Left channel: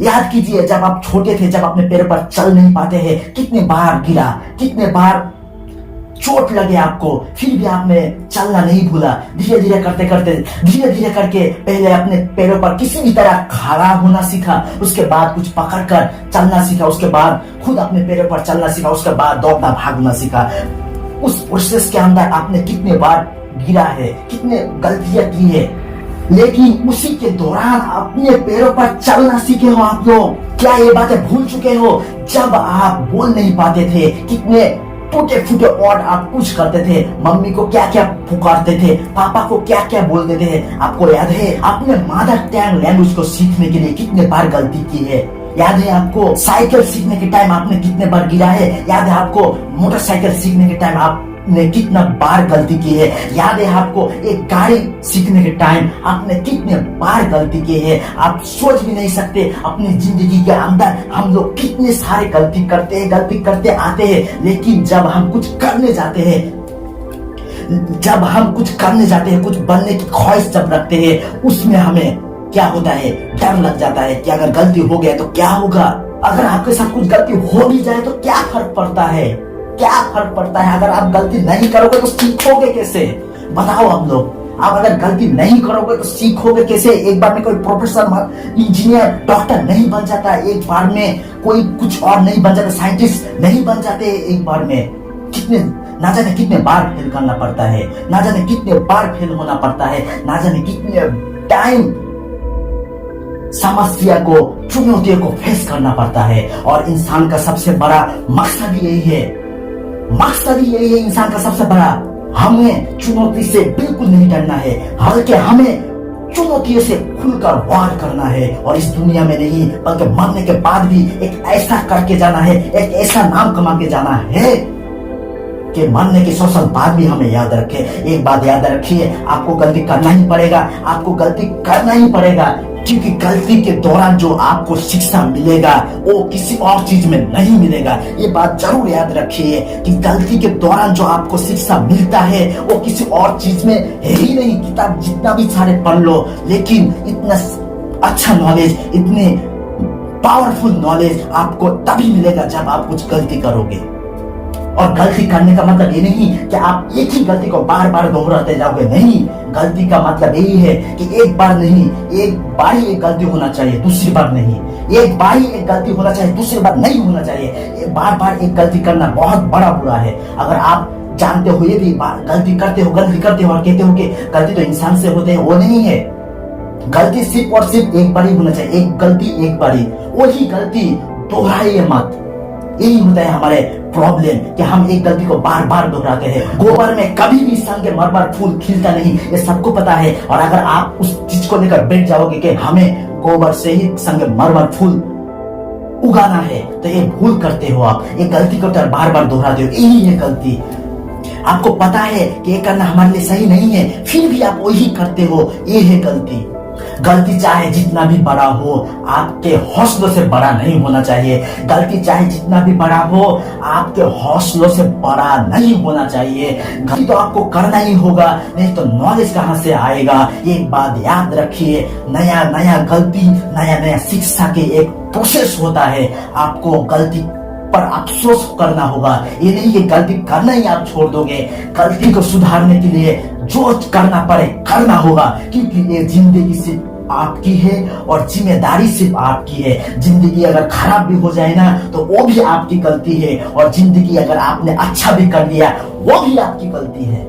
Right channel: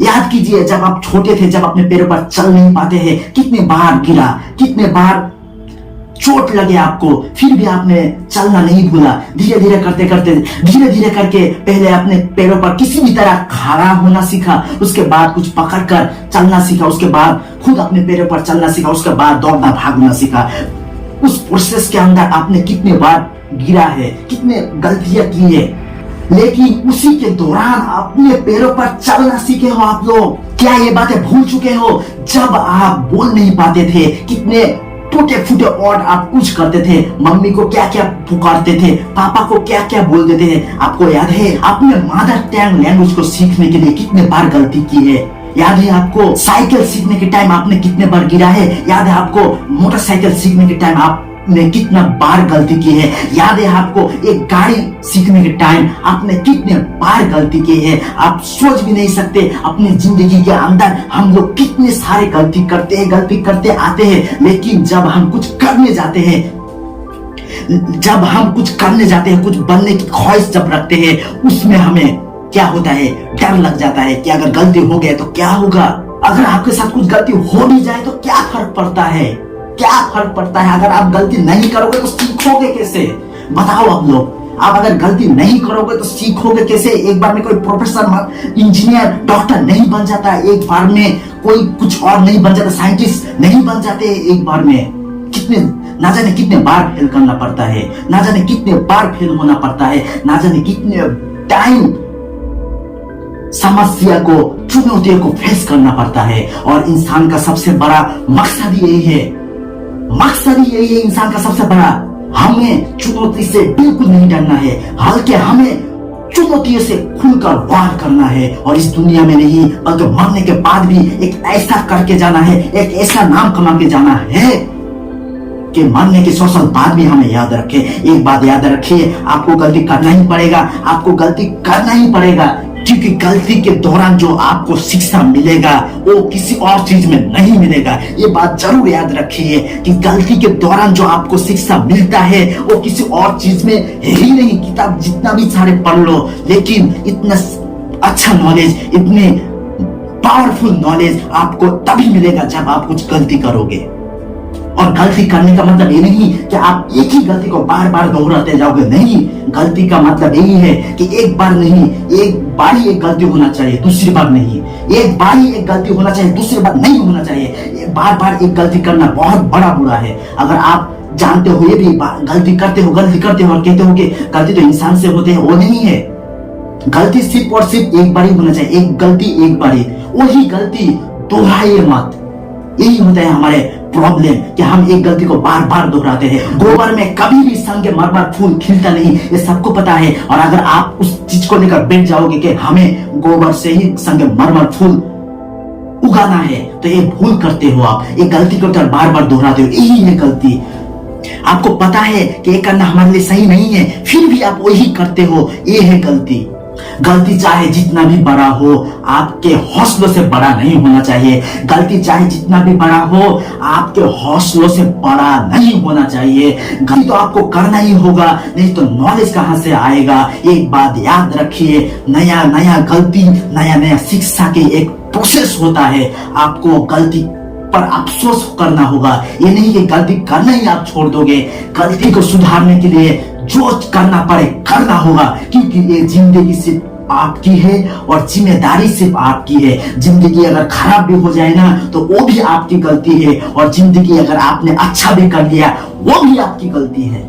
याद कीजिए जब आप छोटे थे, जब अपने पैरों पर चल नहीं पाते थे, कितने बार गिरा, कितने बार चोट लगे आपको, फिर भी आपने चलना नहीं भूला। धीरे धीरे करते करते, धीरे धीरे करके पहले अपने पैरों पर किसी भी तरह खड़ा होना सीखा, उसके बाद कुछ पकड़कर चलना सीखा, उसके बाद खुद अपने पैरों पर चलना सीखा, उसके बाद दौड़ना भागना सीखा। उस प्रोसेस के अंदर आपने कितने बार गिरा है, कितने गलतियां की है, लेकिन उसी के दौरान अपने पैरों पर चलना सीखे हो आप लोग। क्या ये बातें भूल चुके हो? जब आप बोल नहीं पाते थे, कितने टूटे फूटे वर्ड आप कुछ करते थे, मम्मी को क्या क्या पुकारते थे, पापा को क्या क्या बोलते थे, आपको याद है? आपने मदर टंग लैंग्वेज को सीखने के लिए कितने बार गलती की है? याद है आपको? साइकिल सीखने के टाइम आपने कितने बार गिरा है? याद है आपको? मोटरसाइकिल सीखने के टाइम आपने कितना बार गलती की है? याद है आपको? एक गाड़ी सीखने के टाइम आपने कितने बार गलती की है? आप सोच भी नहीं सकते, अपनी जिंदगी के अंदर हम लोग कितने सारे गलती करते आते हैं, लेकिन जब हम कुछ करने जाते हैं, कुछ बनने की ख्वाहिश जब रखते हैं, उसमें हमें क्या होता है? डर लग जाता है कि अगर गलती हो गए तो क्या होगा? अगर आपके साथ कुछ गलती हो भी जाए तो क्या फर्क पड़ता है? क्या फर्क पड़ता है? अगर आप गलती नहीं करोगे तो सीखोगे कैसे? बताओ आप लोग, आप अगर गलती नहीं करोगे तो सीखोगे कैसे? एक बार में कोई प्रोफेसर, इंजीनियर, डॉक्टर नहीं बन जाता, एक बार में कोई कुछ और नहीं बन जाता, साइंटिस्ट नहीं बन जाते एक बार में। ना जाने कितने बार फेल करना पड़ता है, ना जाने कितने बार फेल होना पड़ता है, ना जाने कितने टाइम समस्या को, चुनौतियों को फेस करना पड़ता है। और इंसान का सबसे बड़ा मकसद यही है, इंसान का सबसे बड़ा, हमें चुनौती से बिल्कुल नहीं डरना है, बल्कि हमें चुनौतियों से खुलकर वार करना है। और इस दुनिया में नहीं, बल्कि मरने के बाद भी एक ऐसा करके जाना है, एक ऐसा नाम कमा के जाना है कि मरने के 100 साल बाद भी हमें याद रखे। एक बात याद रखिए, आपको गलती करना ही पड़ेगा, क्योंकि गलती के दौरान जो आपको शिक्षा मिलेगा वो किसी और चीज में नहीं मिलेगा। ये बात जरूर याद रखिए कि गलती के दौरान जो आपको शिक्षा मिलता है वो किसी और चीज में है ही नहीं। किताब जितना भी सारे पढ़ लो, लेकिन इतना अच्छा नॉलेज, इतने पावरफुल नॉलेज आपको तभी मिलेगा जब आप कुछ गलती करोगे। और गलती करने का मतलब ये नहीं कि आप एक ही गलती को बार बार दोहराते जाओगे, नहीं। गलती का मतलब यही है कि एक बार नहीं, एक बार ही एक गलती होना चाहिए, दूसरी बार नहीं। एक बार ही एक गलती होना चाहिए, दूसरी बार नहीं होना चाहिए। बार बार एक गलती करना बहुत बड़ा बुरा है। अगर आप जानते हुए भी गलती करते हो और कहते हो कि गलती तो इंसान से होते हैं, वो नहीं है। गलती सिर्फ और सिर्फ एक बार ही होना चाहिए, एक गलती एक बार ही, वही गलती दोहराइए मत। यही होता है हमारे प्रॉब्लम कि हम एक गलती को बार बार दोहराते हैं। गोबर में कभी भी संगे मरमर फूल खिलता नहीं, ये सबको पता है। और अगर आप उस चीज को लेकर बैठ जाओगे कि हमें गोबर से ही संगे मरमर फूल उगाना है, तो ये भूल करते हो आप। एक गलती को बार बार दोहराते हो, यही है गलती। आपको पता है कि ये करना हमारे लिए सही नहीं है, फिर भी आप वही करते हो, ये है गलती। गलती चाहे जितना भी बड़ा हो, आपके हौसलों से बड़ा नहीं होना चाहिए। गलती चाहे जितना भी बड़ा हो, आपके हौसलों से बड़ा नहीं होना चाहिए। गलती तो आपको करना ही होगा, नहीं तो नॉलेज कहां से आएगा? एक बात याद रखिए, नया गलती, नया शिक्षा के एक प्रोसेस होता है। आपको गलती पर अफसोस करना होगा, ये नहीं कि गलती करना ही आप छोड़ दोगे। गलती को सुधारने के लिए जो करना पड़े करना होगा, क्योंकि ये जिंदगी सिर्फ आपकी है और जिम्मेदारी सिर्फ आपकी है। जिंदगी अगर खराब भी हो जाए ना, तो वो भी आपकी गलती है, और जिंदगी अगर आपने अच्छा भी कर लिया, वो भी आपकी गलती है।